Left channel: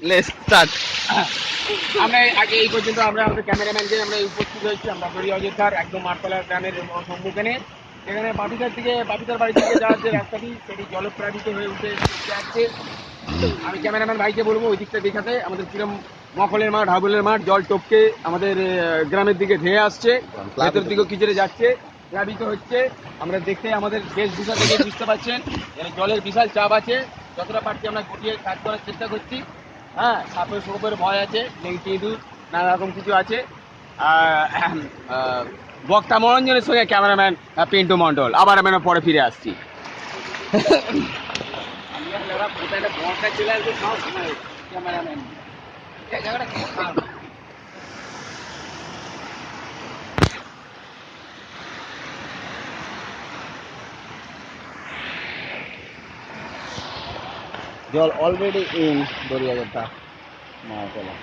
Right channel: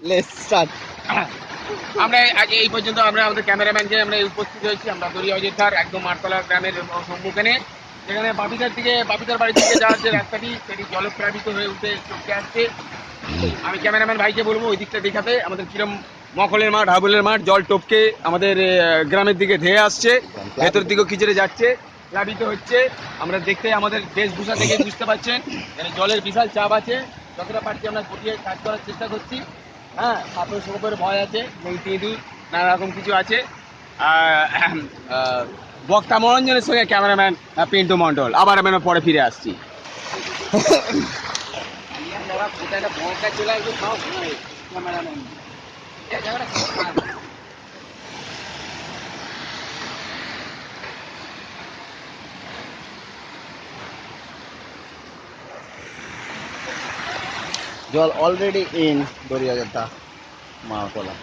Let's start. আমরা আগে এই পর্যন্ত আমরা আমাদের ক্যামেরাম্যান যে আমরা উপস্থিত হয়েছি আমরা দড়িয়া অযোধ্যার একদম মাঠতলা গ্রামের সম্মুখীনে, যেখানে বাপিদার বাড়ির দিকে যাওয়ার যে রাস্তাটি সেটি জলপ্লাবিত হয়ে উঠে চলতে আসছে। আমি ক্যামেরাম্যান ভাইকে বলবো ওই দিকটা দেখাতে আমাদের কিরম মখলের মাঠ, হাবুলের মাঠ জল টপকে আমাদের গ্রামের দিকে ধেয়ে আসছে, ভেতর দিকেও খিচড়ে যাচ্ছে, প্লাবিত হচ্ছে। আমরা দেখতে আমাদের বেশভূষা থেকে বুঝতে পারছেন যেন জলের বিশাল চাপ আছে। যতটা পারছি আমরা গটিয়ে কাজ করার চেষ্টা করছি। হ্যাঁ, সাপের সোপের ভয় আছে, নেংটি ইঁদুর নানা রকম কিছু আছে। বক্তা মনোরঞ্জনের সঙ্গে ক্যামেরাম্যান পিন্টু মণ্ডল। আবার আমরা পরে ফিরে আসছি। কোথায় একটা চলে আসবে সব সময় ক্যামেরাম্যান জায়গাটা খুব খারাপ। জল অলরেডি ইন দড়িয়াযোদ্ধা মাওতলা।